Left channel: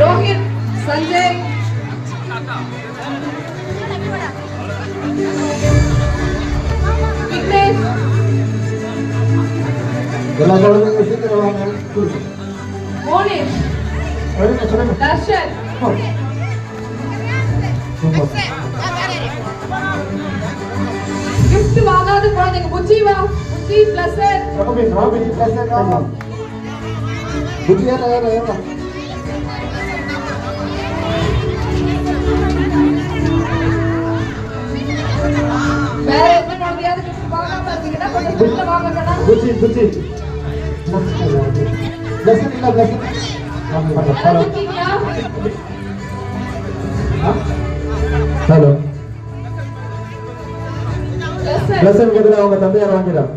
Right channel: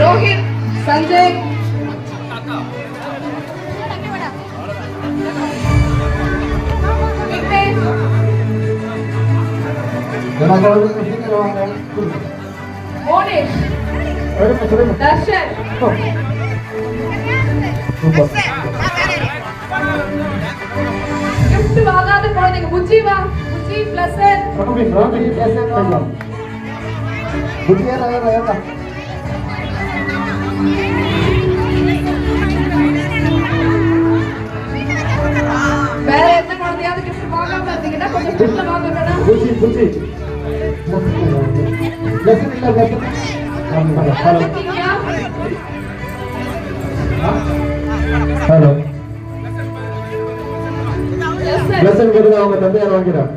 रोहित संजय मोनिश दर्शन gift வாங்காத குழந்தைங்க புஜ்ஜி வா புஜ்ஜி பிளஸ் புஜ்ஜியா நகர வேற என்ன குழந்தையாவது கிஃப்ட் வாங்காம இருந்தீங்கன்னா கொஞ்சம் கிஃப்ட் வாங்குங்கடா புஜ்ஜி புஜ்ஜி ஹலோ லெசன் கொடுத்து அவங்க தந்தையார் வாங்கிறார்.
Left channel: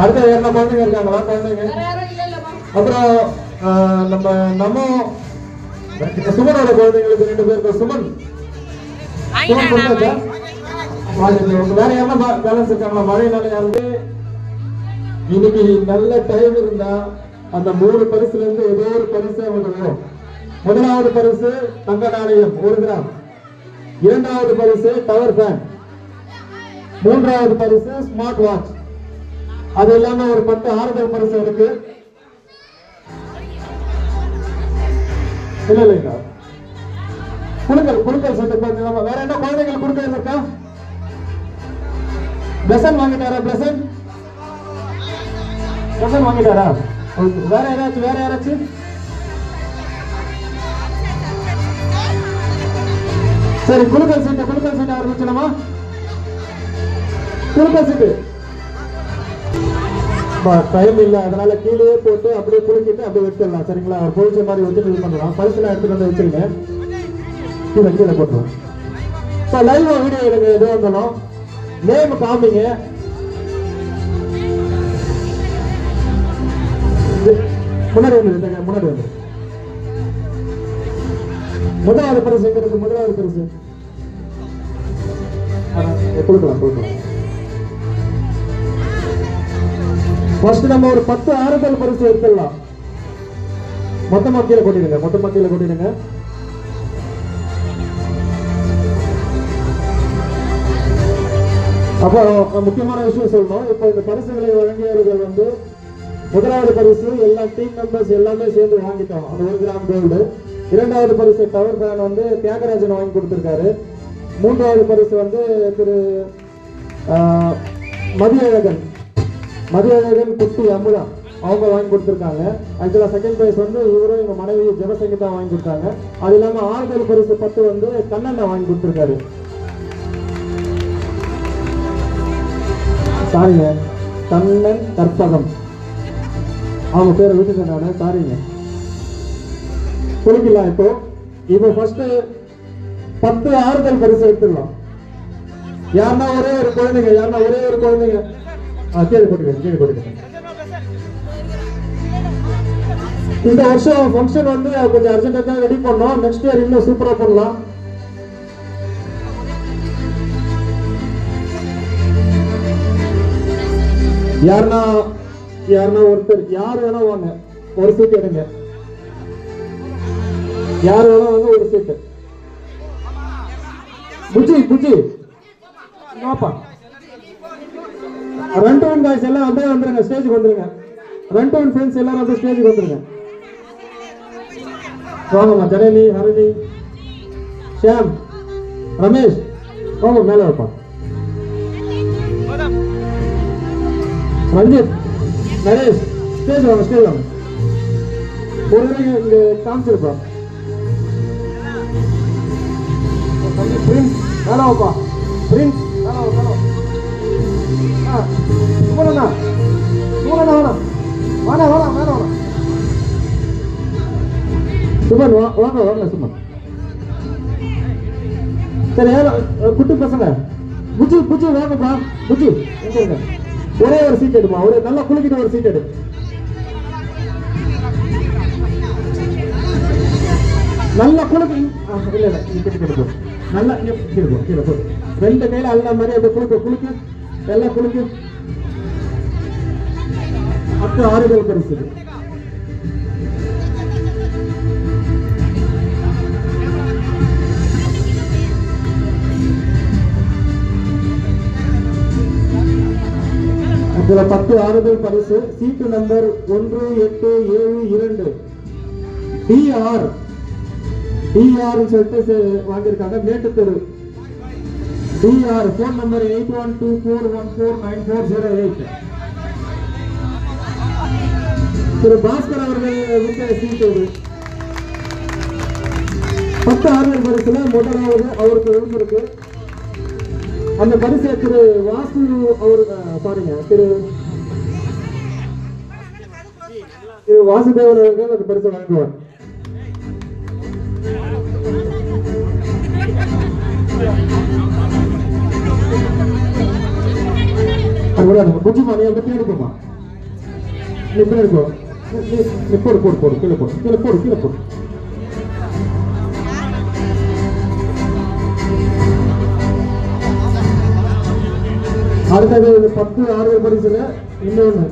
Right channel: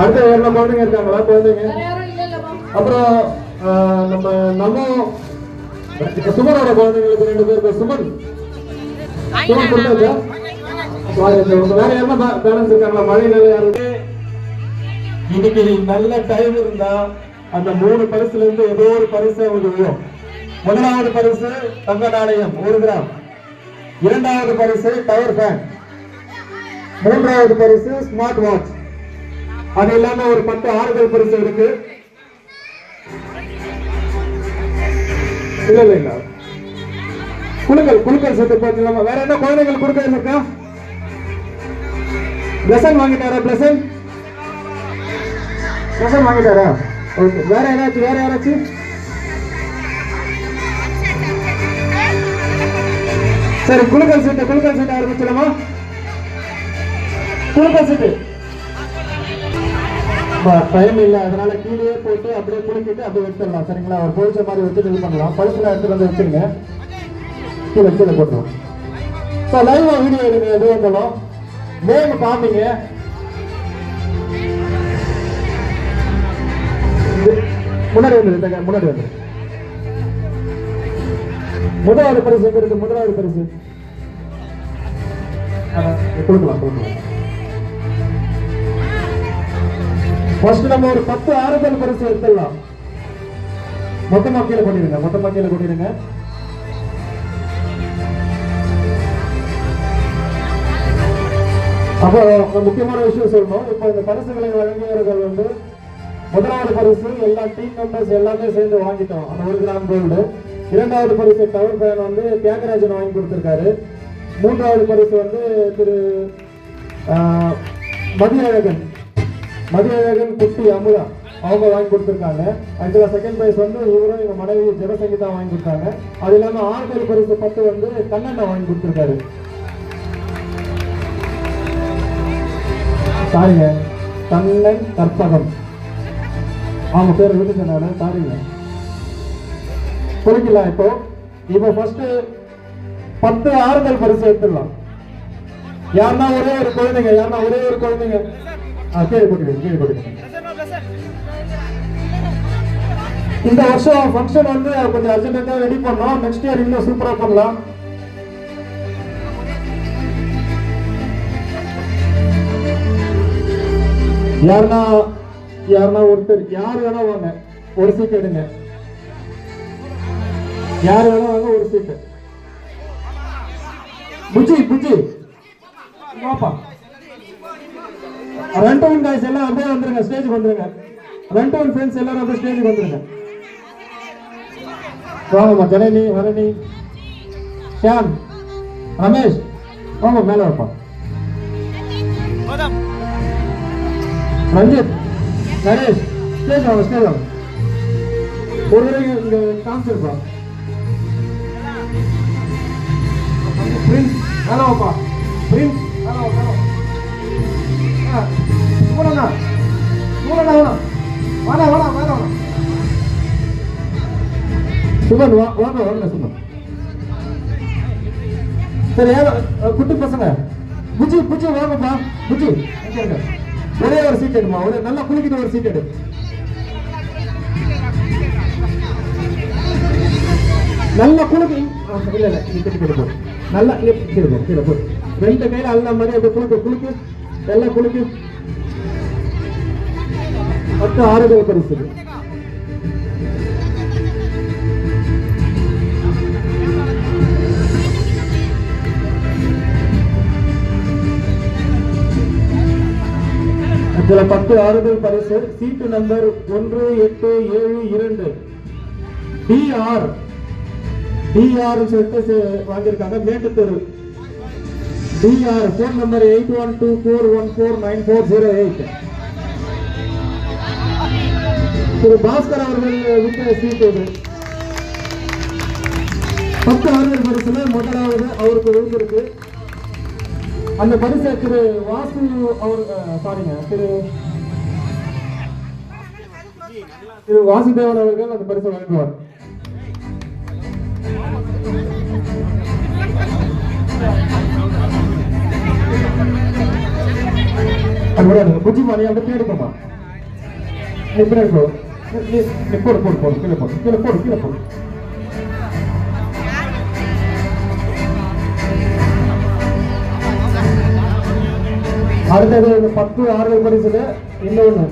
அடுத்த என்ன குழந்தைங்க இருக்காங்களா குழந்தைங்க? அப்புறம் நம்ம சுமனோட குழந்தைங்களுக்கு 2 பேருக்கு சுமன் வேற என்ன பேலன்ஸ் இருக்காங்களா? மழையினால யாருமே இன்னைக்கு நல்ல டைம் இருந்தா அந்த 3 பரிசுல இருந்து ஏதோ ஒரு பரிசு அவங்க வரும். முதலாவது பரிசு தங்க நாணயம் 1 கிராம், இரண்டாவது பரிசு டவர் ஃபேன், மூன்றாவது பரிசு ஸ்மார்ட் வாட்ச். அது இல்லாம ஒரு 10 ஆறுதல் பரிசு இருக்கு. இல்ல குழுக்கள் சேர்த்து பார்த்தீங்கன்னா வேற என்ன குழந்தைகள் குழுக்கள் இருக்கா? பிளஸன் வாங்கிட்டாரா? பிளஸன் வாங்கிட்டாரா? ஓகே. வேற யாராச்சும் சரி குழுக்கள் சீட்டு ஆரம்பிச்சிடமா? குழுக்கள் சீட்டு டைம் இல்லை, அதனால கீழே போட்டு அப்படியே குளிக்கிட்டு அப்படியே வச்சிடலாம். சரிங்களா? அவர் குளிச்ச மாதிரி வச்சு இது பண்ணலாம். பரிசுல எடுத்து வந்து வச்சிருங்க. கீழே போட்டுருவோம். இப்போ லைவ் வீடியோ எடுங்க. எது வந்தாலும் நேம் காமிங்க. முன்னாடி வந்து முதலாவது பரிசு கொடுக்கலாம். ஃபர்ஸ்ட் நம்ம ஒரு 10 ஆறுதல் பரிசு எடுத்துடலாம். மொத்தமா கீழே கொட்டிடுங்க. அப்போ முக்கியமான விஷயம் சொல்லணும். இப்போ இந்த பரிசுகளை வழங்கியவர்கள் வந்து முதலாவது பரிசு எல்லா டீம் மெம்பர்ஸ் எல்லாமே சேர்ந்து வாங்கிட்டோம். அந்த 1 கிராம் கோல்டு. இரண்டாவது பரிசு டவர் ஃபேன் வந்து தியாகராஜன் வாங்கி கொடுத்திருக்காரு. மூன்றாவது பரிசு வந்து திரு மதியழகன் குட்டி அமுதா அவங்க வாங்கி கொடுத்துருக்காங்க. ஆக்சுவலா செகண்ட் பிரைஸ் வந்து இவரும் எங்க மனைவி ஜனசங்கீதா வாங்கி கொடுத்தாங்க. அது இல்லாம ஆறுதல் பரிசு 10 வந்து கண்ணண்ணா வாங்கி கொடுத்திருக்காரு. சாரிங்க, கண்ணன் கற்பகம் அவங்க பேர் விட்டுட்டனால சாரிங்க. குளிக்கலாம். இப்போ ஃபர்ஸ்ட் 10 ஆறுதல் பரிசு எடுத்துடலாம். யாருன்னா ஒரே ஒரு குழந்தைங்க கீழே போட்டுக்க. இந்த வருஷம் ஃபங்க்ஷன் வந்து கொஞ்சம் அர்ஜென்ட்டா ரெடி பண்ணோம். நெக்ஸ்ட் இயர் இன்னும் சூப்பரா பண்ணலாம். யாருன்னா ஒருத்தர் யார் வேணா வாங்க, ஒரு சீட் எடுங்க. யார் வேணா வாங்க, ஒரு சீட். புஜி வாப்பா. ரெண்டோன் गाइस எல்லாம் அப்படியே வந்துருங்க, ஸ்டேஜுக்கு வந்துருங்க. ரெண்டோன் ஃப்ரெண்ட்ஸ் எல்லாரும் அப்படியே ஸ்டேஜுக்கு வந்துருங்க. வாங்கம்மா. ஜனனி, ஹரணி, ஷாம், ரமேஷ் வாங்க மேல வாப்பா. ரஞ்சித், நரேஷ் ஸ்டேஜ் வாங்க. ஒரு இங்க காமிச்சிருக்கோம். பிரின்ஸ் மேல வாப்பா. பிரின்ஸ் சுமன் வாங்க சுமன். சரி குட்டி பசங்க புஜி வாங்கப்பா. புஜி ஒரே ஒரு சீட் எடுப்பா. ஒரு நல்லா குளிக்கிட்டு ஒரு சீட் எடு. நல்லா குளிக்கு. இல்ல நீ குட்டி போ. நல்லா கீழே போ. 2 கையில அல்ல மாதிரி குளிக்கு. எல்லாம் குளிக்கு 10 ஆறுதல் பரிசு. இதுல 10 ஆறுதல் பரிசு. சீட்டு நம்பர் 1872 DR சொல்லிட்டு வாங்கியிருக்காங்க. மேட்டுத்தெரு DR. Phone number 8124149408. திரு பாஸ்கர் அவர்கள் விட்ட சீட்டு இது. 10 ஆறுதல் பரிசுல முதலாவது அவருக்கு விழுந்திருக்கு. அந்த பரிசை திரு வாசு அவர் பாருங்க, திரு வாசுதேவன் அவர்கள் அந்த பரிசை வாங்குவார். புஜி மணி அந்த தேடிக்கமா போடு போடு போடு கீழே போடு கீழே போடு கீழே போடு. அடுத்தது 10 ஆறுதல் பரிசுல இன்னொன்று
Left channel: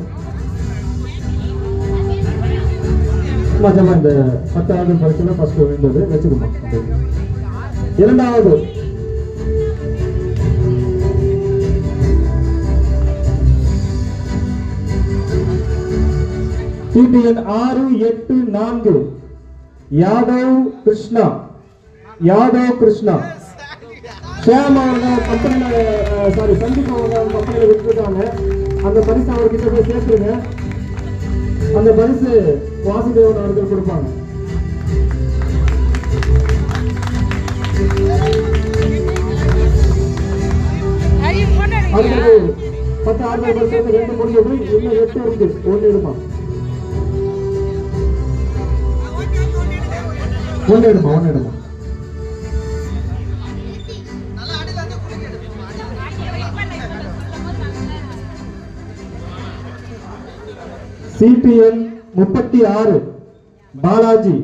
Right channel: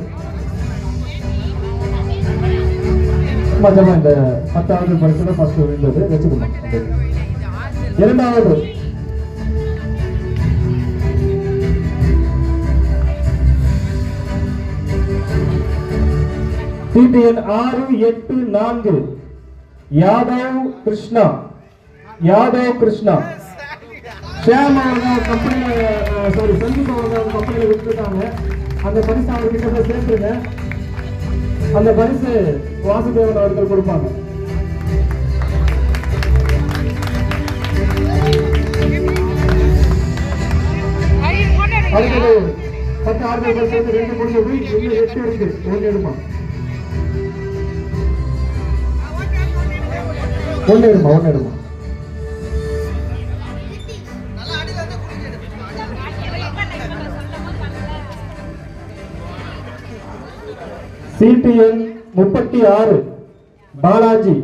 இந்த 10 ஆறுதல் பரிசுல ஃபர்ஸ்ட் விழுந்தது வச்சுக்கணும். இரண்டாவது சீட்டு எண் 684 யாதவ் கிருஷ்ணா. ஷியாம் அவர்கள் கம்பெனியில சந்தீப் அவர்கள் கம்பெனியில விட்டுருக்காங்க. அந்த பரிசு அவர்கிட்ட போய் சேர்த்துருங்க. அந்த பரிசு வாசுதேவன் அவர்கள் கொடுப்பாங்க. அடுத்தது 10 ஆறுதல் பரிசு 2 முடிஞ்சது. இன்னும் 8 இருக்கு. 1 எடுமா சீட்டு எண் 36 பாலாஜி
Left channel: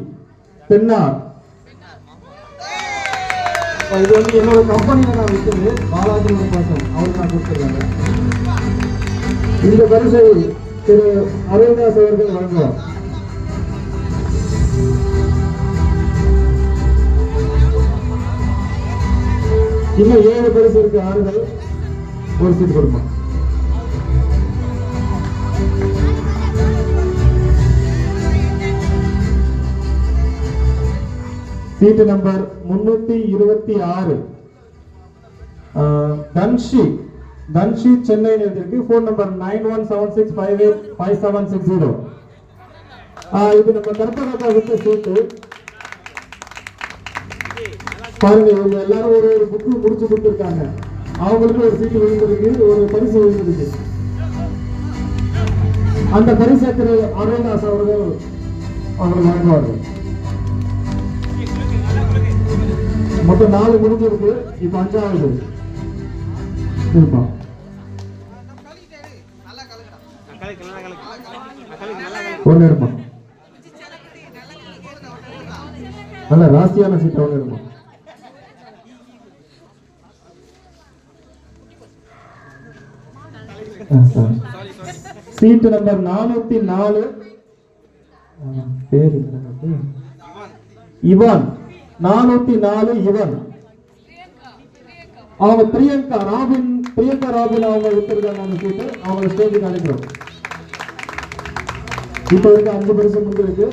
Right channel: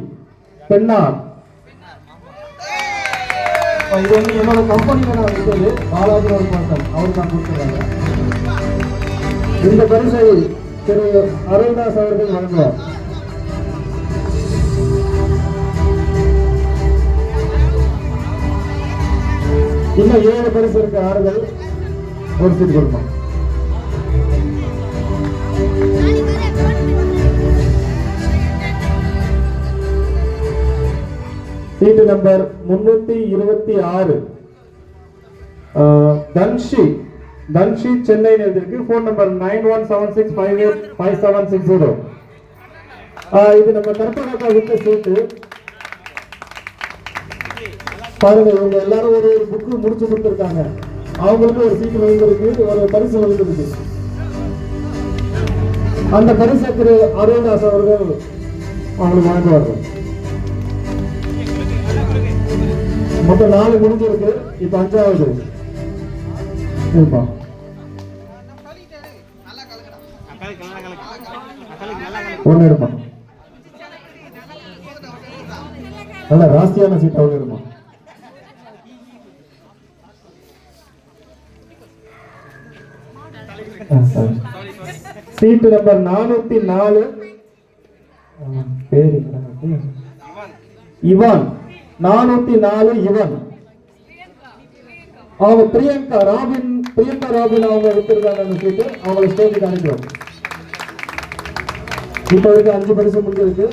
பெண்ணார். இது வந்து என்னோட கம்பெனியோட வைத்தது. பாலாஜி ஒரு மாசம் அவர் தான் கொடுத்துருக்காங்க. இந்த பரிசை திரு அருள்தாஸ் அவர்கள் வழங்குவார். இன்னும் 7 பரிசு இருக்கு. ஆறுதல் ஒரு சீட்டு கொடுப்போம். சீட்டு நம்பர் 326 தன்ஷி சென்னை இருக்கு. Phone number 9176585760. இது நம்ம கர்நாடகா விட்ட சீட்டு. பாருங்க, இவங்க எல்லாரும் ஒரு புக்கு முடிச்சு கொடுத்துருக்காங்க. அவங்களுக்கு ஒரு சீட்டு வாங்கிருக்கு, ஒரு பரிசு வாங்கிருக்கு. அந்த பரிசை திரு அருள்தாஸ் அவர்கள் அவங்களுக்கு வழங்குவார்கள். மொத்தம் 4 முடிஞ்சிருக்கு. இப்ப 5வது ஒண்ணு எடுப்பா. நல்ல ராசியான சீட் அவங்க எடுப்பா. Seat number 404 Ivan. 404 இவன். அவங்க பிரியங்கா ராபின் அவங்க விட்டுருக்காங்க. அந்த சீட்டு அவங்க ஸ்டேஜுக்கு அனுப்பிடும். இப்ப 5 பரிசு முடிஞ்சிருக்கு.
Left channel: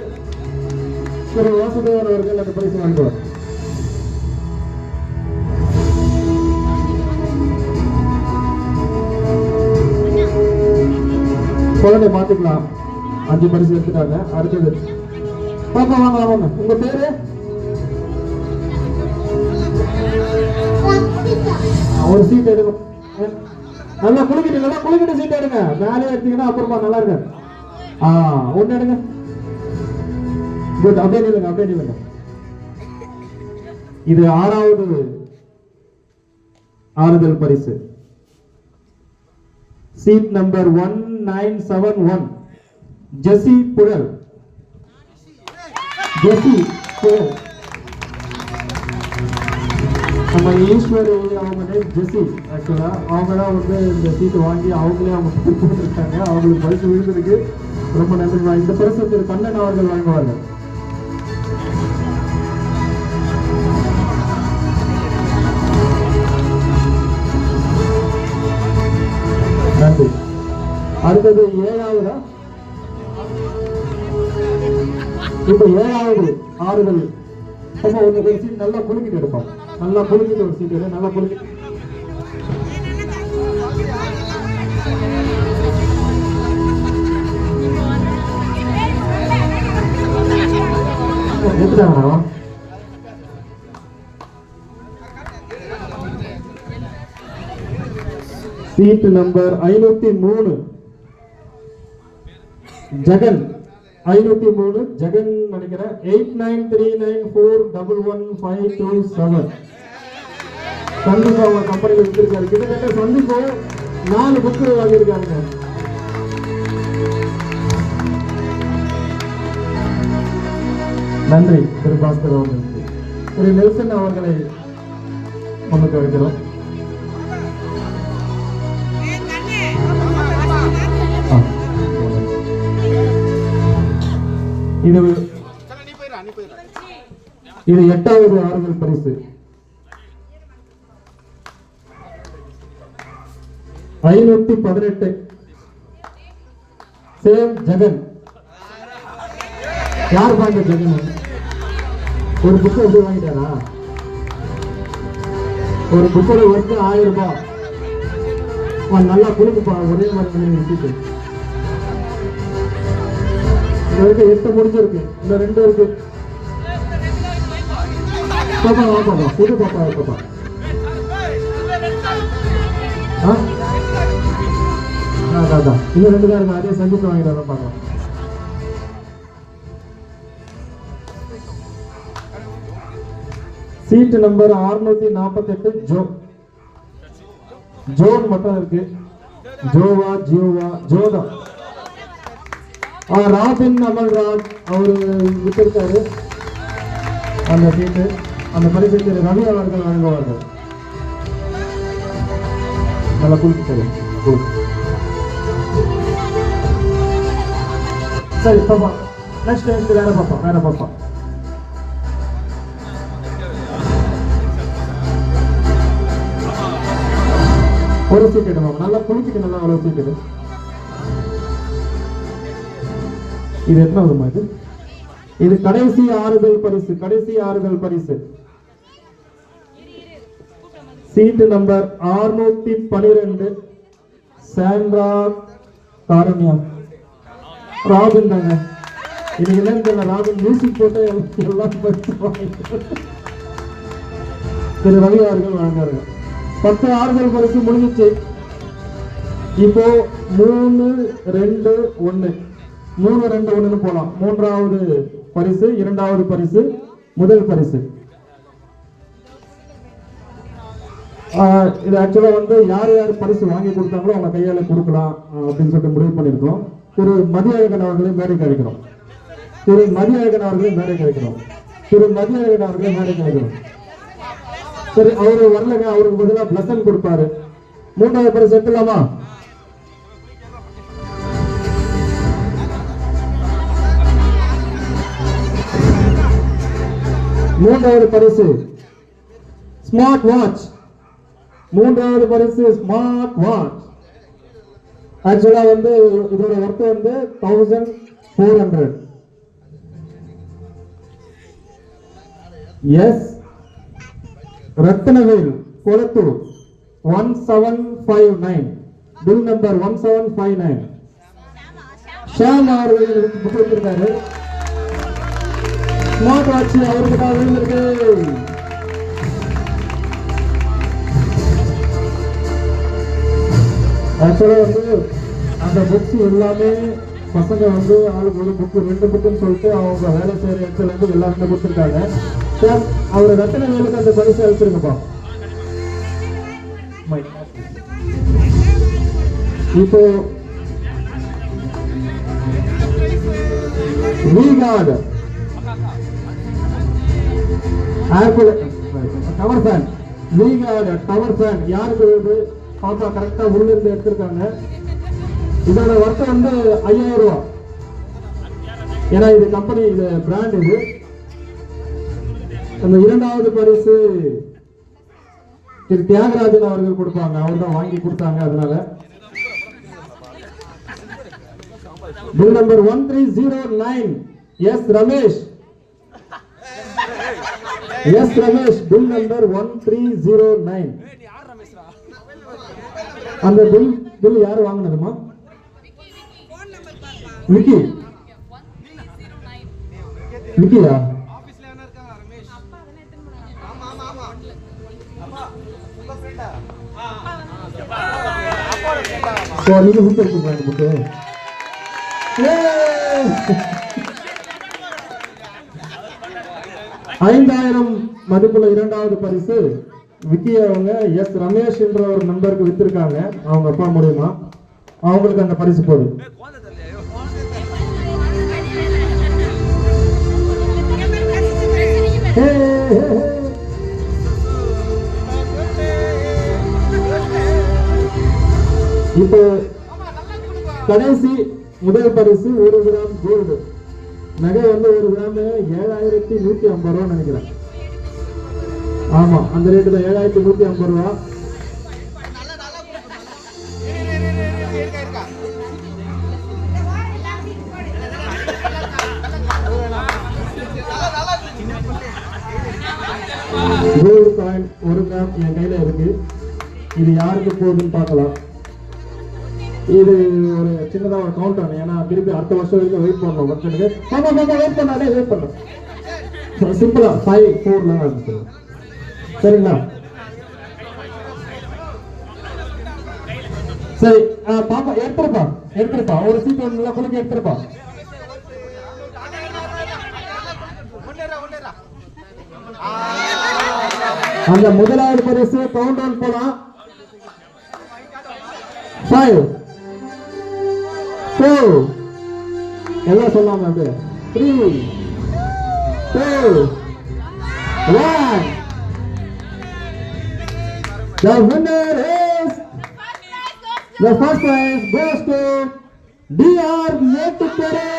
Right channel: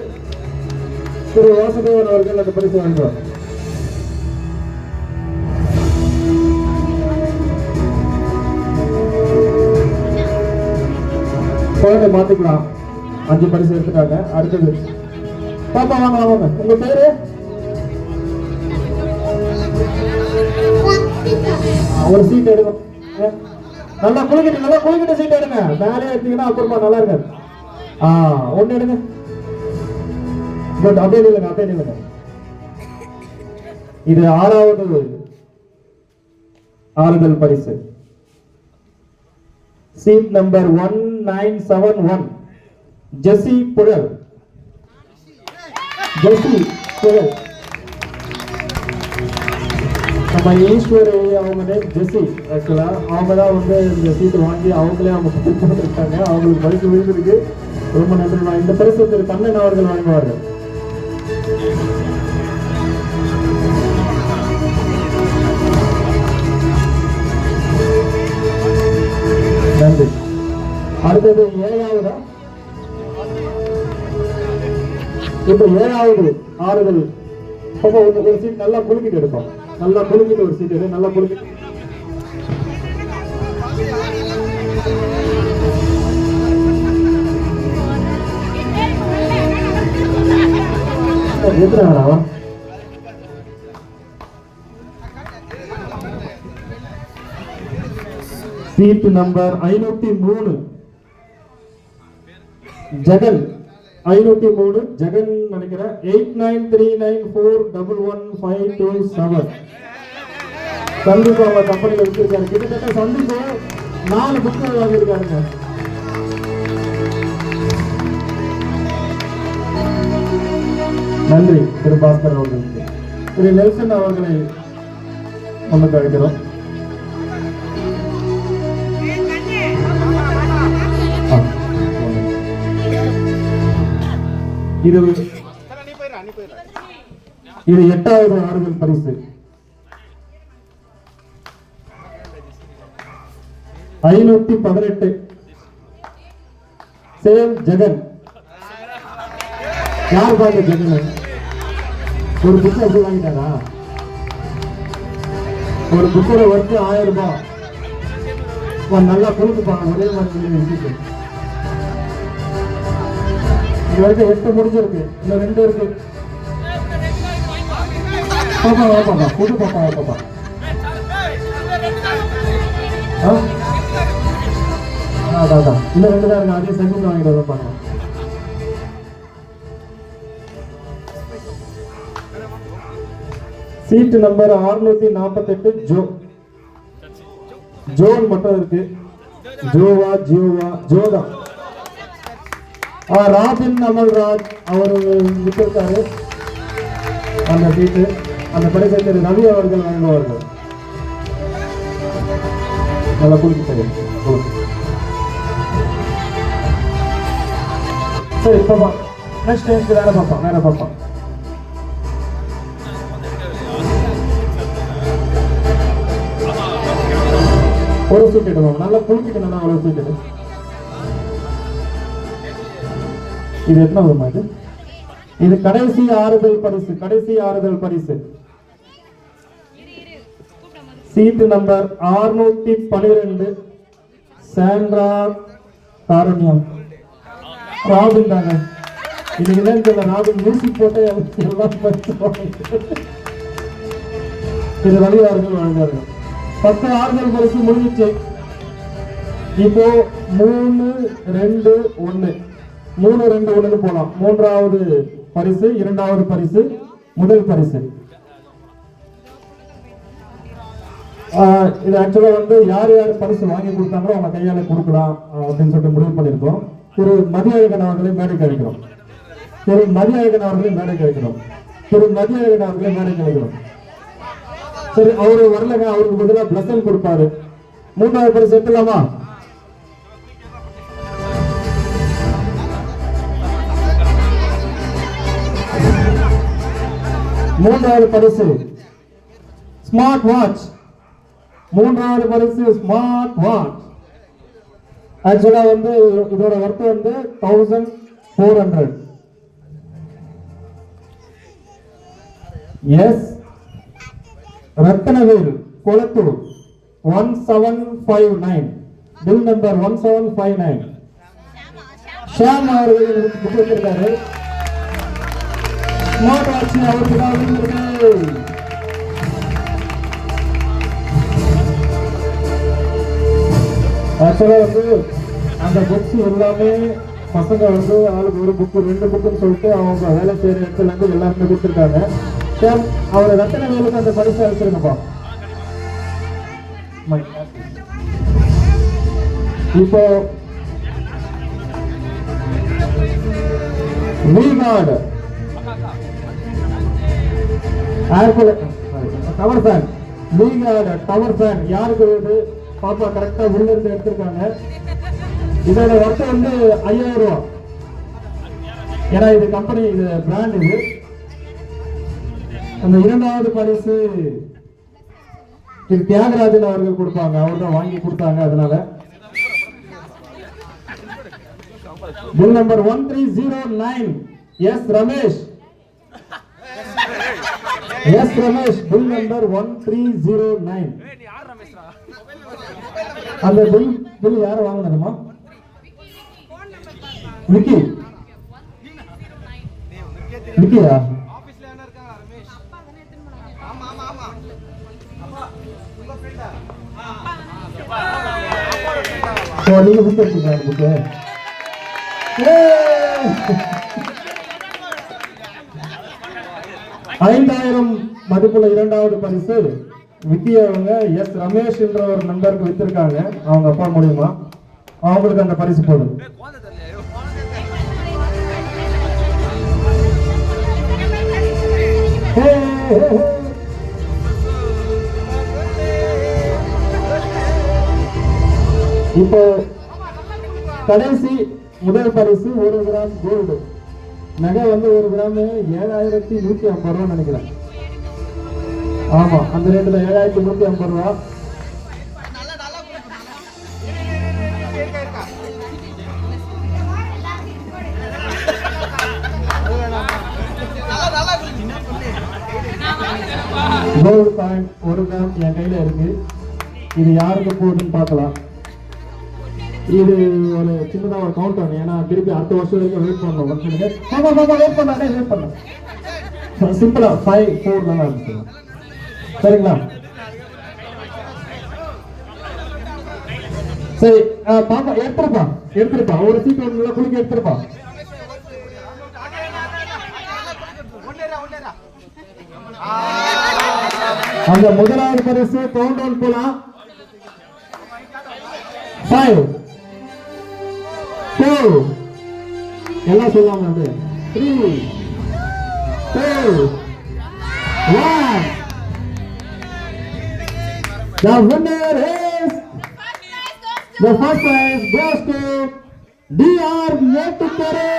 திரு வாசுதேவன் அவர்கள் அந்த பரிசு வாங்குவார். மாத்திக்கலாம். 5 பரிசு எடுத்துட்டாங்க. அடுத்தது பாப்பா வாங்க. உங்க பேரு? ஒரு சீட் எடுக்கும். நல்லா குளிக்கிட்ட சீட் எடுங்க. மேலே எடுத்தீங்கன்னா அப்புறமா நல்லா இருக்காது. 1 எடுங்க. குட். அப்படியே நில்லுங்க. இது 6வது ஆறுதல் பரிசு. சீட் நம்பர் 1971 ஜெசி புழல். நம்ம ஈஸ்வரி அவங்க நேம் ஜெஸ்ஸி. ஆக்சுவலா அவங்க தான் வந்து இந்த சீட்டு வாங்கி அவங்களே அவங்க கொடுத்துருக்காங்க. அவங்களுக்கு பரிசு விழுந்திருக்கு. ரொம்ப நன்றி. இந்த பரிசு திரு கண்ணன் அவர்கள் வாங்குவார்கள். நன்றி. அடுத்தது ஏழாவதா? இப்ப ஏழாவது ஆறுதல். ஒரு சீட் நல்லா குலுக்கிட்டு எடுப்போம். நல்லா குலுக்கிட்டு ஒரு சீட் எடு. நல்லா குலுக்கிட்டு சீட் நம்பர் 503 ஜெகன். 503 ஜெகன் நினைக்கிறேன். 8939411527 சந்தீப் அவங்க கம்பெனியில் வச்சிருக்காரு. கிட்டத்தட்ட சந்தீப் 4 புக்கு வாங்கியிருக்காங்க. நன்றி திரு பாஸ்கர் அவர்களுக்கு. திரு நெல்சன் அவர்களை நமக்கு அழைக்கிறோம். இது 8வது ஆறுதல் பரிசு. 518 சேம் ஜெகன். யார் வாங்க ஜெகன்? ஒரு புக் எப்படி வாங்கிட்டாரா? ஒரு புக்கோட ஒர்க்கு 1000 ரூபாய். நல்லா கொடுக்குப்பா. ஒரே மாதிரி விட்டுட்டு இது வரைக்கும் 8 முடிஞ்சிருக்கு. இந்த 2 இருக்கு. பாப்பா வா பாப்பா. புது பாப்பா வா பாப்பா. அதான் இன்னும் 2 தான் இருக்கு. அதே சந்தீப் வாங்கிட்டு வர பாப்பா. சீட் நம்பர் 648 ஜோன் மட்டும் இருக்கு. ஜோவா ஜோதா. ராபின் அமல்ராஜ் அவர் விட்டிருக்காரு அந்த சீட்டு. அந்த பரிசை ரவி அவர்கள் வாங்குவார்கள். நல்லா குளிக்கிட்டது. சரி பாப்பா. நெக்ஸ்ட் வேற பாப்பா. ஒரு சீட் எடுவோம். நல்லா குளிக்கிட்டு நல்லா ஒரு சீட் எடு. இது எத்தனாவது மாதிரி? இது கடைசி ஆறுதல் பரிசு. Seat number 612 Sandra காரண்யம். ராபின் தாங்க. இதுக்கு என்ன தெரியல. ராபின் மியூசிக் போட்டு எல்லாம் பரிசு. இது ரவி அவர்கள் வழங்காரு. 10 ஆறுதல் பரிசு முடிஞ்சிச்சு. இப்போ 3-2-1 போலாம். 3வது பரிசு, 2வது பரிசு, முதல் பரிசு. இது ஆக்சுவலா வந்து யார் பரிசு வாங்கி கொடுத்தாங்களோ அவங்க கையால கொடுக்கலாம் அப்படின்னு சொல்லிட்டு முடிவு பண்ணியிருக்கோம். திரு மதியழகன் அவர்களை மேடைக்கு அழைக்கிறோம். சரி, அவரு வரலங்க. அவருக்கு பதிலாக பிளஸன் கொடுப்பாரு. 3வது பரிசு எடுத்துலாமா? மூன்றாவது பரிசு ஸ்மார்ட் வாட்ச். ஆக்சுவலா வந்து இதோட ஒர்த் வந்து 1400. S Rathnavel Kolathur 1759. Bill number 1759. Sham அவர்கள் கொடுத்திருக்காரு. ஸ்மார்ட் வாட்ச் அவருக்கு தான் விழுந்திருக்கு. ஆக்சுவலா வந்து அந்த புக்ஸ் எல்லாமே பசங்க வந்து அவங்களுக்கு ஒரு புக்கு 2 புக்குன்னு சொல்லிட்டு அவங்க வேலை செய்யற இடத்துல வந்து எல்லாருமே கொடுத்துருக்காங்க. அவரை ரத்தன மேலுக்கு அந்த பரிசு அளிச்சிருங்கப்பா. இப்போ கவர் ஃபேன் நீங்க டவர் ஃபேன் யாருக்கு வருது பாப்பா கரெக்டா உள்ள இருந்து எடுத்திருக்காங்க. இதோட வட்டம் வந்து 5000 ரூபாய். ஏன்னா இது கம்பெனி, இது பிராண்ட். இது அந்த இரண்டாவது பரிசு திரு தியாகராஜன் அவர்கள் கொடுப்பாங்க. அவர் தான் வாங்கி கொடுத்தாங்க. அதனால bill number 1309 S Ramesh. S Ramesh bill number 1309. அந்த பில் யார் வாங்கினதுமா? விக்கி. விக்கியா? நீங்க விட்டுருக்கீங்க புக்கு. 5000 மதிப்புள்ள இரண்டாவது பரிசு விக்கி அவங்க எஸ் ரமேஷ் என்ற ஒரு நண்பருக்கு வித்திருக்காங்க. அவங்க அப்பா மூலியமா அவங்களுக்கு அந்த பரிசு போடும். இப்போ கடைசி முதல் பரிசு 1 கிராம் கோல்டு நகை வந்து 1 கிராம் 7150 ரூபா நினைக்கிறேன். ஆமா, அந்த ரேட்டு தான் 7150 ரூபா. கோல்டு காயின் 1 கிராம் என் கையில இருக்கு. இது யாருக்கு போகுதுன்னு பார்க்கலாம். இது ஒரு சின்னதா ஒரு கவுண்டர். ஏன்னா திருப்பி அடுத்த வருஷம் வரைக்கும் வெயிட் பண்ணணும். வெயிட் பண்ணும் சிம்பிளா 5 4 சரிங்களா? சரி பாப்பா எடுத்துருப்பா ஒரு சீட் ஒன்று குளிக்க எடுத்துருப்பா. அந்த முதலாவது பரிசு கவுண்டர் போலாம். 5 4 எல்லாம் சொல்லலாம். அப்படியே 3 2 1. The winner is the first prize goes to DR Nettukare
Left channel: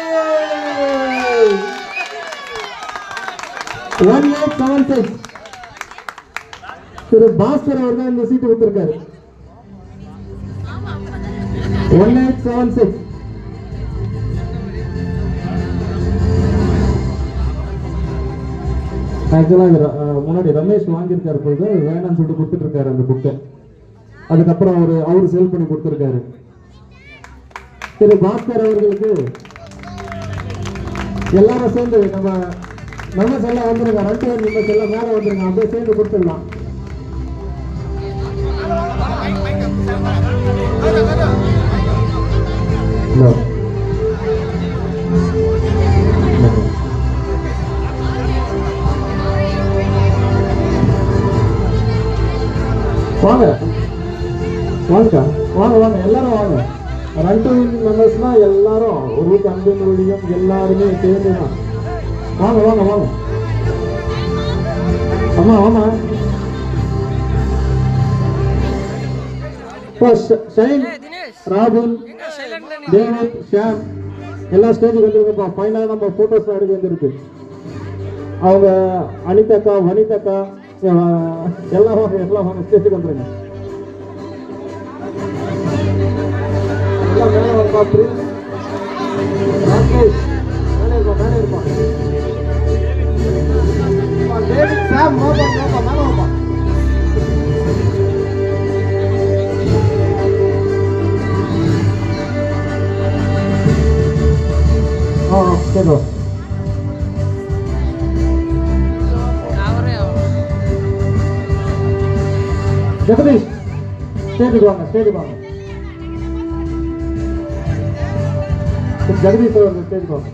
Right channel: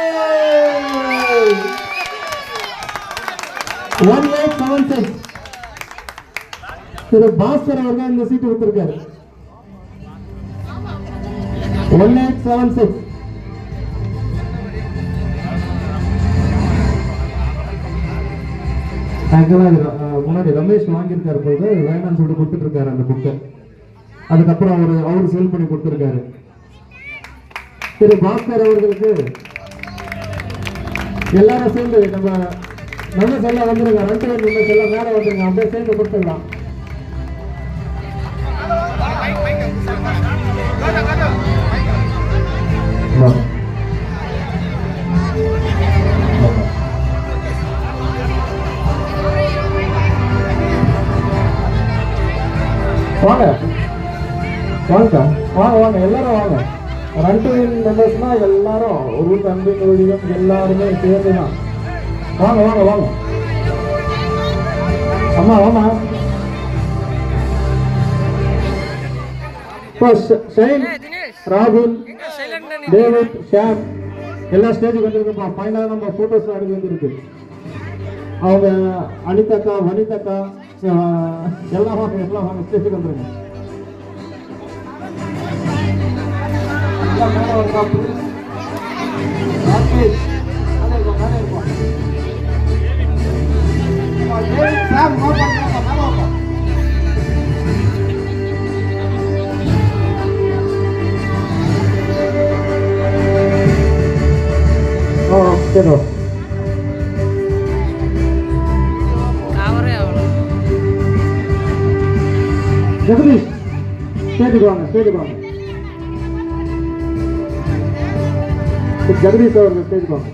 1876. திரு பாஸ்கர் அவர்கள் இந்த சீட்டு வித்திருக்காரு. 1876. முன்னாடி ரமேஷ் வாங்கியிருக்காரு போது வேணாம்னு சொல்லி கொடுத்துட்டு இருக்காரு அந்த புக்கை. அதுக்கப்புறம் அவரு சேல் பண்ணி கொடுத்துருக்காரு. திரு பாஸ்கர் அவர்களுக்கு எல்லாரும் சேர்ந்து நம்ம நல்ல செல்ல வந்துருங்க. 2 நீங்க செல்ல மேல வந்துருங்க. அப்படியே சேர்ந்து கொடுத்துடலாம். வாங்க வாங்க வாங்க வாங்க எல்லாரும் வாங்க. 2 மெம்பர்ஸ்னா எல்லாரும் ஒரு தம்பி தொழிலும் எல்லாருமே சேர்ந்துதான். வாங்க வாங்க வாங்க அம்மா வாங்க. ஷைன், ராகுல், டேவிட், ஷாம் எல்லா ஸ்டேஜுக்கு வந்துருக்கப்பா. ஃபைனலாக நம்ம ஃபோட்டோஸ் எடுக்க வந்துருக்கு. அவங்க அனிதக்கா, வனிதக்கா எல்லாம் வாங்க ஸ்டேஜுக்கு வந்துருங்க. எல்லாம் மேலே பார்த்து சரி ஜெகதீஷ் ஸ்டேஜுக்கு வாங்க. ஜெகதீஷ் அவர்கள் ஸ்டேஜுக்கு வாங்க.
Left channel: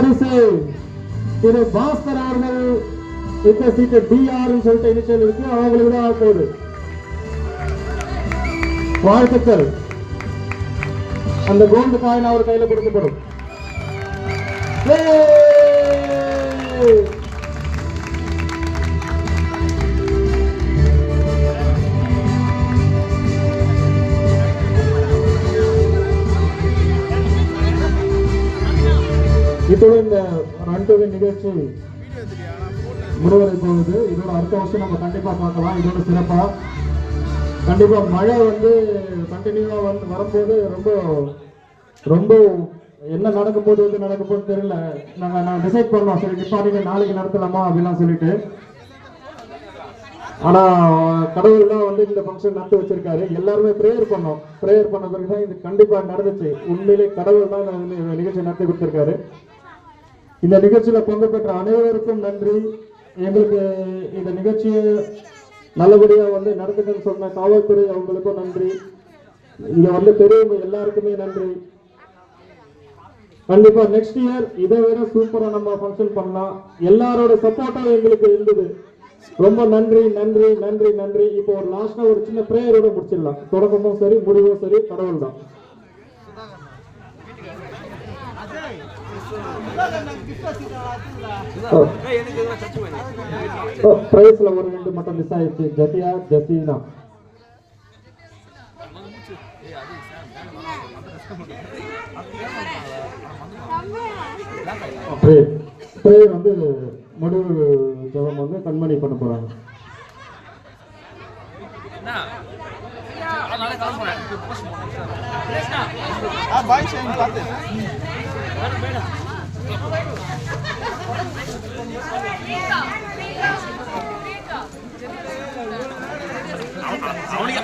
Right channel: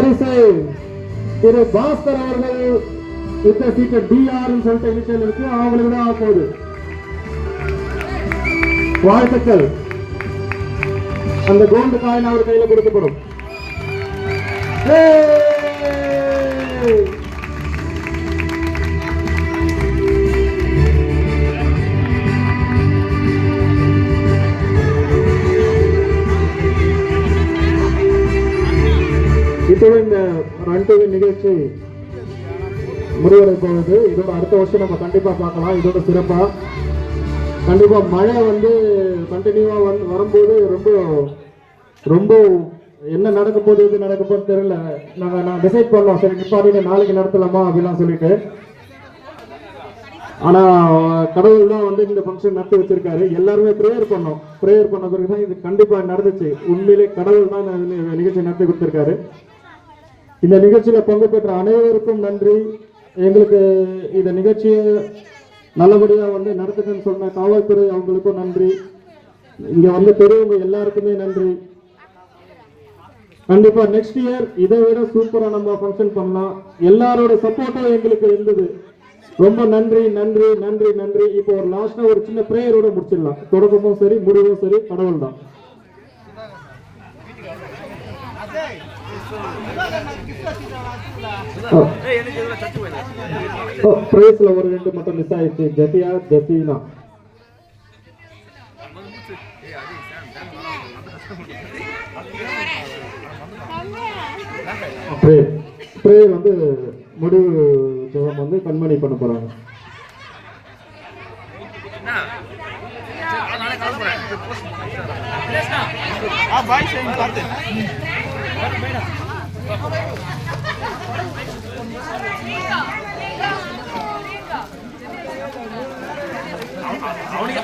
பரிசு திரு பாஸ்கர் அவர்கள் இந்த சீட்டு டிஆர் சொல்லிட்டு இனிஷியல் இருக்கு, அவங்களுக்கு தான் போகுது. வாழ்த்துக்கள். அந்த கோல்டு காயின் அவர் கையில கொடுக்கப்படும். இத்துடன் இந்த ரன் டு வின் நிகழ்ச்சி முடிவடை போகுது. இதோட அடுத்த வருஷம் நம்ம கண்டிப்பா பார்க்கலாம். இதோட சிறப்பா கண்டிப்பா மழை கண்டினியூவா வரும்போது ரொம்ப என்ன நடக்கும் போது நடக்க போது தெரியல. நான் டிசைட் பண்ணோம், சரி நிப்பாடி நாளைக்கு நடத்தலாமா அப்படிலாம் சொல்லிட்டு. ஆனா கடவுள் தான் இந்த ஃபங்க்ஷன் நடத்தி வச்சிருக்காரு. எல்லாருமே ப்ரேயர் பண்ணோம். ப்ரேயர் பண்ண பிறகுதான் இது கண்டிப்பா நடந்துச்சு. உண்மையிலே கடவுள் தான் நிகழ்ச்சி நடத்தி கொடுத்திருக்காரு. இந்த நிகழ்ச்சியில பங்கு பெற்ற அனைவருக்கும் நன்றி. எங்களுக்கு இந்த நிகழ்ச்சியை நல்லபடியா நடத்துக்குன்னு சொன்ன காவல்துறை அவங்களுக்கும் நன்றி. இங்க பெரியவங்க எல்லாருக்குமே நன்றி. கண்டிப்பா நெக்ஸ்ட் இயர் இதை விட சூப்பரா நம்ம ஃபங்க்ஷன் பண்ணலாம். எல்லாரோட சப்போர்ட்டும் எங்களுக்கு இருந்தது. ரொம்ப நன்றி நன்றி நன்றி நன்றி. இப்போ ஒரு லாஸ்டா ஒரு சின்ன பிரேயரோட முடிச்சிடலாம். தொடக்கமும் சரி முடிவும் சரி கடவுள் தான். பிரைஸ்ல ஒரு 2 மட்டும் மிஸ் ஆயிடுச்சு. ஜசியா ஜசீனா பிரேயர் முடிவு ஜெபம் கண்மணி பண்ண போறாங்க.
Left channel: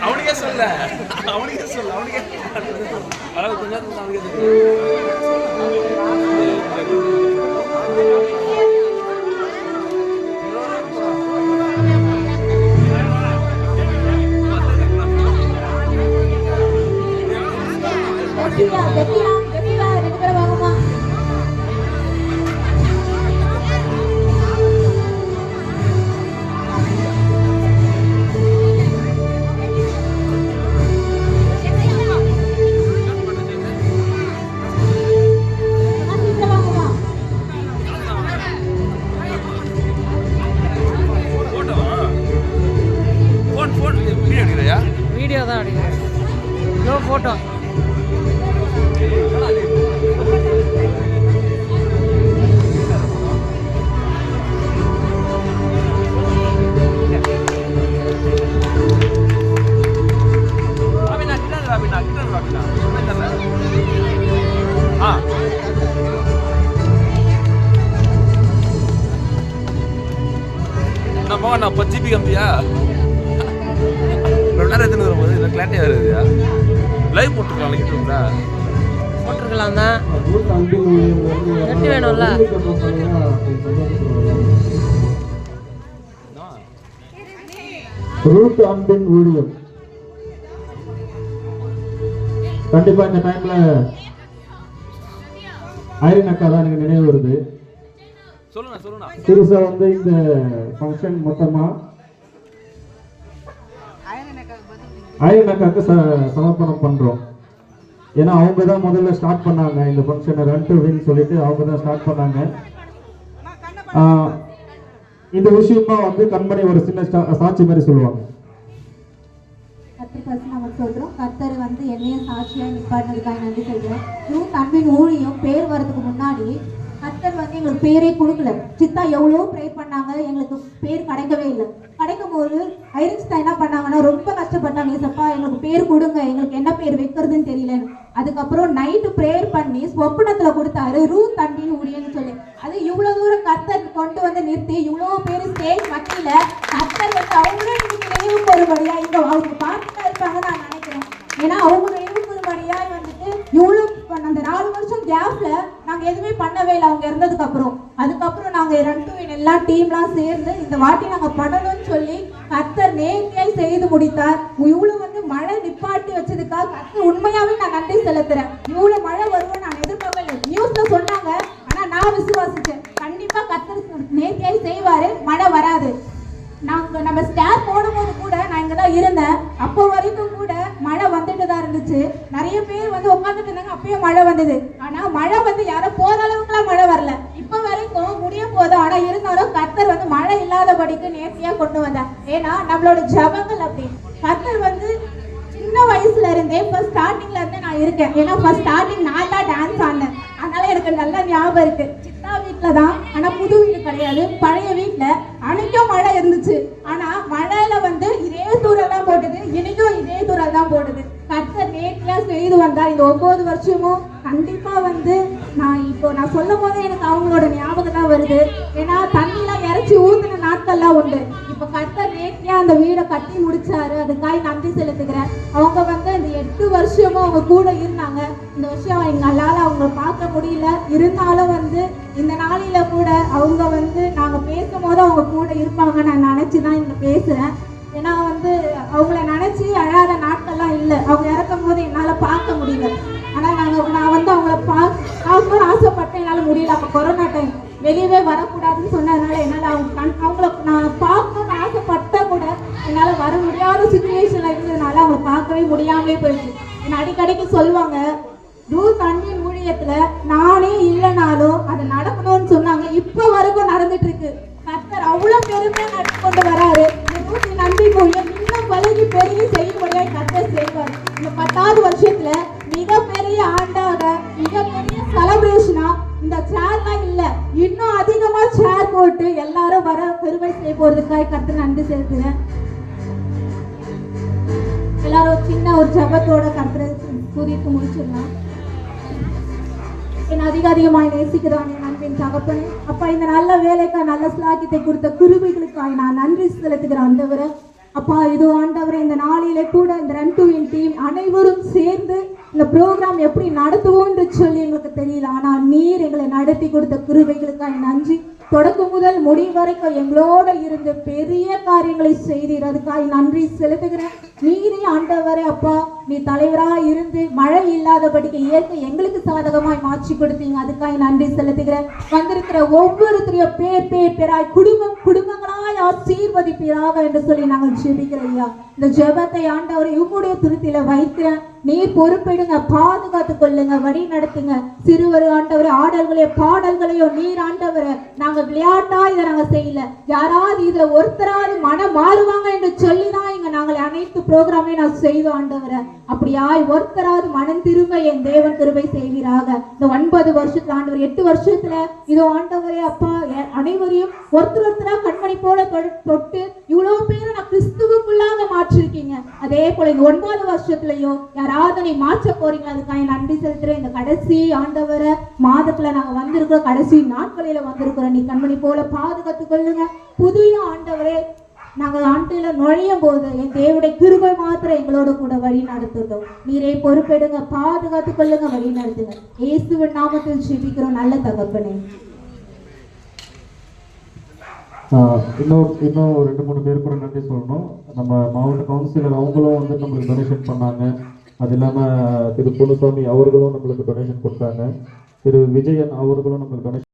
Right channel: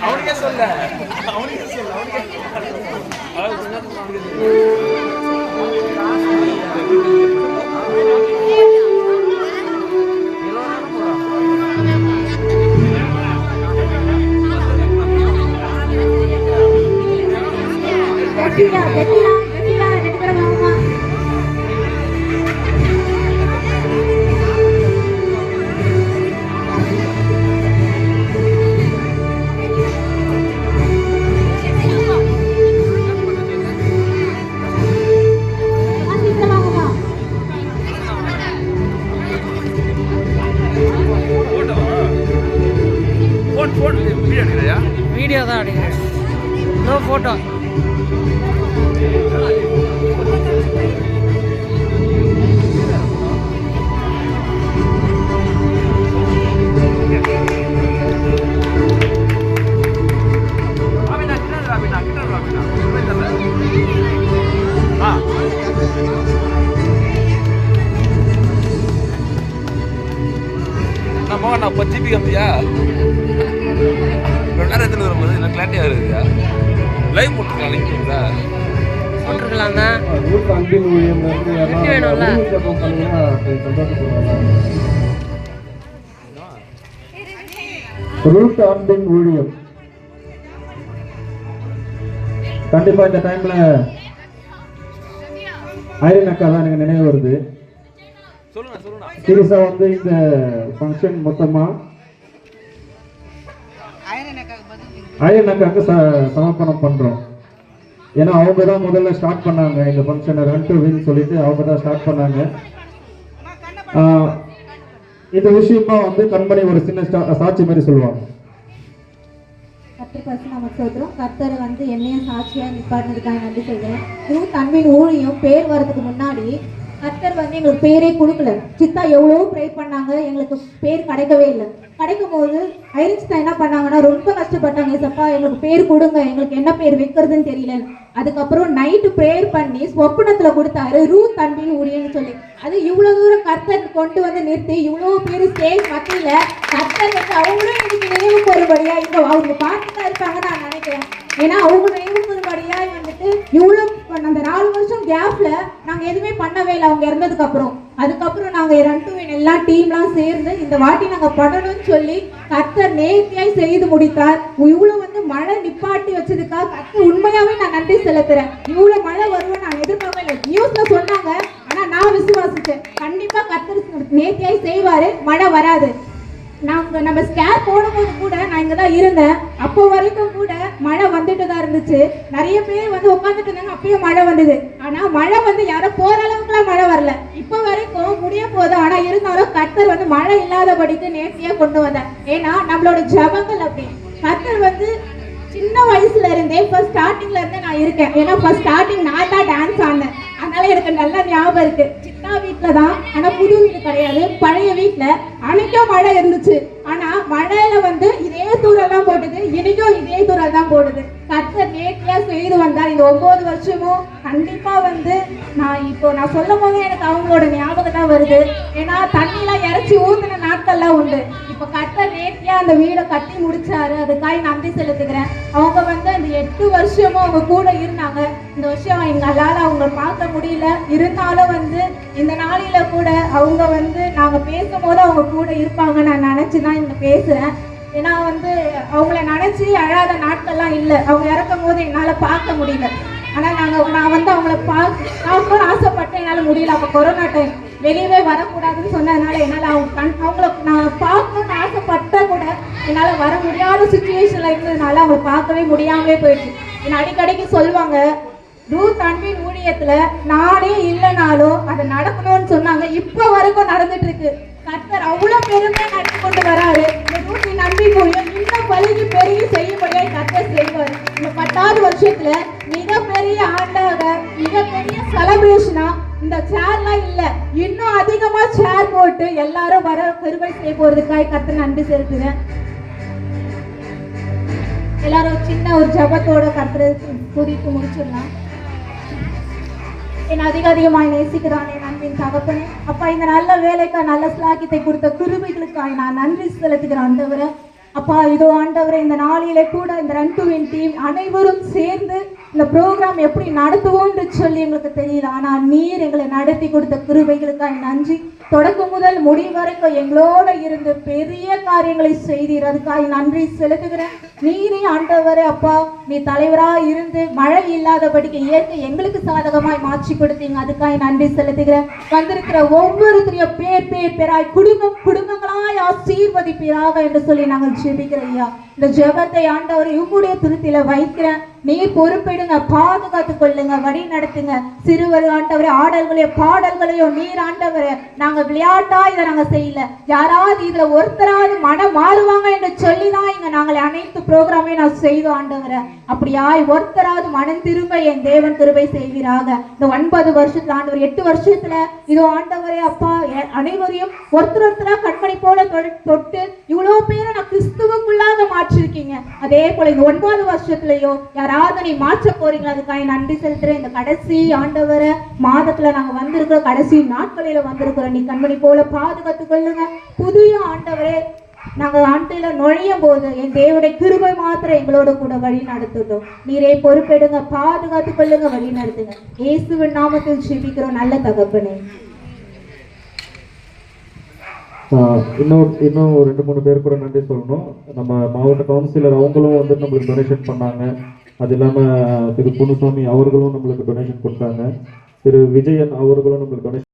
அவனுக்கே சொல்ல வீடியோ தான் அடிக்கிறேன். No photo. நம்ம ஜிபி அப்படியா வரும்போது கிளாரிட்டியா இருக்குயா. லைவ் போட்டிருக்கலாம் தான். எப்படி வேணும்ல. ரூட் அன்பின் ஊழியம் கண்டிப்பா இந்த டைம்ல ஐரன் அக்கா தான் எனக்கு நினைவு வருது. சீரியஸா இந்த ஃபங்க்ஷன் மொத்தமா ஐரன் அக்காவுக்கு சமர்ப்பணம் பண்றோம். ஏன்னா அவங்க தான் முதல்ல ஸ்டார்ட் பண்ணாங்க இந்த ஃபங்க்ஷனை. ரன் டு வின் சொல்லிட்டு அவங்க தான் ஸ்டார்ட் பண்ணாங்க. இந்த விஷயமா கண்மணி ஒரு சின்ன சாட்சி மாதிரி சொல்லுவாங்க. கர்த்தர் என்னையும் சாட்சியா நிப்பாட்டிருக்காங்க. நன்றி சொல்றேன். ரூத் அன்பின் ஊழியம் பேர் வரதுக்கு முன்னாடி கர்த்தர் எங்களுக்கு பேரே கொடுக்கல. சித்தா எவ்வளோ ப்ரே பண்ணாங்க, எங்களுக்கு பேர் கிடைக்கவே இல்லை. கிடைக்கும் போது ஐரின்ஸ் தான் என்ன பண்ணாங்கன்னா ரொம்ப கஷ்டப்பட்டாங்க. ஏசப்பா எங்களுக்கு பேர் கொடுங்க, எங்களுக்கு என்ன பேர் வைக்கிறதுன்னு தெரியல. அதுக்கப்புறம் நைட்டு ப்ரேயர் பண்ணி சொப்பனத்துல கொடுத்தாரு ரூத் அன்பின் ஊழியன்னு சொல்லி. அது இவ்வளவு தூரம் கர்த்தர் கொண்டு நிறுத்தி இவ்வளவு பேர் ஸ்டேஜ் மத்தியில கர்த்தர் அவங்களும் இன்னைக்கு நினைவு கூறும்படியா இங்க அவங்க பார்த்துதான் இருப்பாங்கன்னு நான் நினைக்கிறேன். ஏன்னா அவங்க நினைவு கூறும்படியா இவ்வளவு அந்த 4 வருஷம் கேப்ல நாங்க எதுவுமே பண்ணவே இல்லை அவங்க இறந்ததுக்கு அப்புறம். அதுக்கப்புறம் நாங்க ரன் டு வின் எல்லா டீம்லாம் சேர்ந்து இந்த வாட்டி நாங்க பண்ணணும்னு சொல்லி கர்த்தர் நேர்த்தியாய் செய்து முடித்தார். இவ்வளவு மழை நிப்பாட்டி வச்சதுக்காக கர்த்தர் உண்மையாவே நான் நன்றி செலுத்துறேன். இவ்வளவு மழை வரும்னு நான் எதிர்பார்க்கவே இல்லை. நியூஸ்ல சொன்னாங்க, ஆனா நான் அப்போ வரைக்கும் கூட மழை வந்துட்டு தான் இருந்துச்சு. நிறைய பேர் வந்து உட்காந்துட்டு இருந்தாங்க, அப்பயும் மழை வந்தது. ஆனா மழை வந்து யாரும் போற அளவுக்குலாம் மழை வரல. இப்ப வரைக்கும் முடிய போது. ஆனா இருந்தாலும் கர்த்தர் வந்து மழை இல்லாதபடிக்கு நேர்த்தியா கொண்டு வந்தார். ஏன்னா நம்மளோட ஜபங்கள் அப்படி. கர்த்தர் வந்து சின்ன வயசுல இருந்தே ஃபர்ஸ்ட் ஸ்டார்டிங்ல இருந்தே நான் இருக்கேன். ஏன்னா ஃபர்ஸ்ட் ஸ்டார்டிங் நான் தான் டான்ஸ் ஆடினேன். அதனால எனக்கு நல்ல ஞாபகம் இருக்கு. சித்தா வீட்டுல தான், ஆனா புது வீடு கிடையாது, பழைய வீட்டுல. அன்னைக்கும் மழை இருந்துச்சு. ஆனா மழையில வந்து இதே தூரம் தான் போடுது, இன்னைக்கும் இதே தூரம் தான் போடுது. கர்த்தர் நேர்த்தியா செய்து வந்தா இந்த 9 வருஷமும் கண்டிப்பா வந்து நான் சொல்லும் போதே எனக்கு அவங்களோட ஞாபகம் தான் வருது. ஏன்னா தண்ணிலாம் இறைச்சி ஊத்துன நாட்கள்லாம் உண்டு. இப்ப கர்த்தர் நேர்த்தியா அந்த வீடை கட்டி முடிச்சாரு. அதுக்காக நன்றி செலுத்துக்கிறேன். அவங்க வந்து இந்த 8 வருஷமும் அவங்க கூட இருந்தாங்க. இந்த வருஷம் எங்களால அவங்க பார்க்க முடியல. இருந்தாலும் வந்து இந்த நாளில கூட அவங்க வந்து நாங்க பேசும்போது அவங்க கூட இருப்பாங்க நான் நினைச்சுதான் இங்க பேசுறேன். ஏன்னா வந்து அவங்கள நினைச்சு அழாத நாட்கள்லாம் இல்லை. அவங்க இறக்கும் போது என்னால பார்க்க முடியல. ஆனா நான் வந்து அவங்கள பார்க்கணும்னு ஆசைப்பட்டேன், என்னால முடியல. அப்ப கொரோனா டைம், வெளியவே வரக்கூடாதுன்னு சொன்னதுனால என்னால அவங்கள நான் பார்க்கணும்னு ஆசைப்பட்ட கூட என்னால வர முடியாத சுச்சுவேஷன்ல இருந்ததுனால அவங்கள பார்க்கவே முடியாமலே போயிடுச்சு. என்ன அடிக்கடிக்கு சொல்லுவாங்க, ரூத் அன்பின் ஊழியத்துல நானே இல்லைனாலும் அது நடக்கணும்னு சொன்னாங்க. இப்ப வரைக்கும் நடந்துட்டு இருக்கு. கர்த்தர் அவ்வளவு பெருமையா நடத்தி கொண்டு வராரு. இந்த ரூத்தின் அன்பின் ஊழியம் இன்னும் வளர்ச்சி பெரிய செய்யப்படியாக கர்த்தர் செய்வார். இந்த 10வது வருஷத்துல மிகப்பெரிய ஆண்டாக, மிகப்பெரிய செலிப்ரேஷனா இந்த சேர்லாம் இல்ல, இன்னும் அதிகமா சேர் போட்டு எல்லாரும் வர பெருமை செய்ய போறதுக்காக கர்த்தர் நன்றி செலுத்துறேன். எல்லாரும் சின்ன ஒரு ஜபத்தோட கர்த்தரை துதித்து முடிச்சிடலாம். என் அதிகமாய் நேசிக்கிறான் என் அன்பின் தகப்பனே. அப்பா, இந்த நல்ல வேலைக்கா நல்ல ஸ்லாக்கியத்தை கொடுத்த கிருபைகளுக்காக நான் நன்றி செலுத்துகிறேன் ஆண்டவரே. அப்பா, இதோ ஆண்டவரே, இந்த நாளிலே கூட இந்த ரன் டு வின் டீம் அனைவரும் சேர்ந்து இந்த ப்ரோக்ராம் எப்படி நடத்துவோம்னு சொல்லி எங்களுக்கு தெரியல. ஆனால் நீர் எங்களை நடத்தி கொடுத்த கிருபைகளுக்காக நன்றி. தொடக்கம் முதல் முடிவு வரைக்கும் எங்களோட இருந்து பெரிய காரியங்களை செய்தீர். அதுக்காக நன்றி செலுத்துகிறேன். நீரே ஆண்டவரே அப்பா, நீ தலைவராக இருந்து மழை இல்லாதபடிக்கு இயற்கை எங்களுக்கு சாதகமாய் மாற்றி கொடுத்தீங்க. அதுக்காக நன்றி செலுத்துகிறேன். வந்திருக்கிற ஒவ்வொருத்தரையும் பேராய் குடும்பங்களாய் ஆசீர்வதிப்பீராக என்று சொல்லி நாங்கள் ஜெபிக்கிறோம் ஐயா. இந்த ஜெபத்தை ஆண்டவரை உங்களுடைய துருத்தில வைக்கிறேன். நீர் பொறுப்பிடுங்க, பாதுகாத்துக் கொள்ளுங்க, வழி நடத்துங்க. சிறுவர் ஆண்டவரே ஆடல்களையும் பாடல்களையும் நீர் ஆண்டவரே நாங்க விளையாட்டா இதை நாங்க செய்யல. யாராவது இதுல ஒருத்தராவது மனம் மாறுவாங்க என்று சொல்லிதான் இங்க நாங்கள் அனைத்து ப்ரோக்ராமே நான் செய்தோம் ஆண்டவரை. அப்படியாய் ஒருத்தராவது மனம் திரும்ப என் தேவன் கிருபை செய்வீராக. இந்த 9 வருஷத்துல ஆண்டவர் 8 வருஷத்துல இதோ ஆண்டவரே அப்பா அனைவரையும் ஒருத்தரா கண்மணி போல தொட்டு இவ்வளவு பேரை நான் கிறிஸ்துவுக்குள்ளாக மாற்றிருக்கீங்க. அதே போல இந்த 9வது வருஷத்துலயும் யாராவது நீ மாற்ற போறீங்களா? அதுக்காக நன்றி செலுத்துறேன். இந்த கடைசி ஆண்டவரை மாதத்துல நாங்க வந்திருக்கிறோம், கடைசி நாட்களில வந்திருக்கிறோம். நீ கண்மணி போல பாதுகாத்துக் கொள்ளுங்க. புதிய ஆண்டவரே நாங்க ஆண்டையில நுழையும் போது என் தேவனுடைய கிருபை மாத்திரம் எங்களோட கூட வழி நடத்தும். நீரே பொறுப்பெடுங்க, பாதுகாத்துக் கொள்ளுங்க, வழி நடத்துங்க. இயேசுவின் நாமத்தில் ஜெபிக்கிறோம் நல்ல தகப்பனே. இன்னும் 2-3 பேர் கூட நன்றி சொல்லணும். நம்ம மாவட்ட கவுன்சிலர் அவங்களும் வந்து நம்மளுக்கு டொனேஷன் பண்ணாங்க. அது இல்லாமல் திரு பொன்னுசாமி அவர்களும் நம்மளுக்கு டொனேஷன் கொடுத்தாங்க. திரு விஜயன் அவர்களும் நம்மளுக்கு டொனேஷன்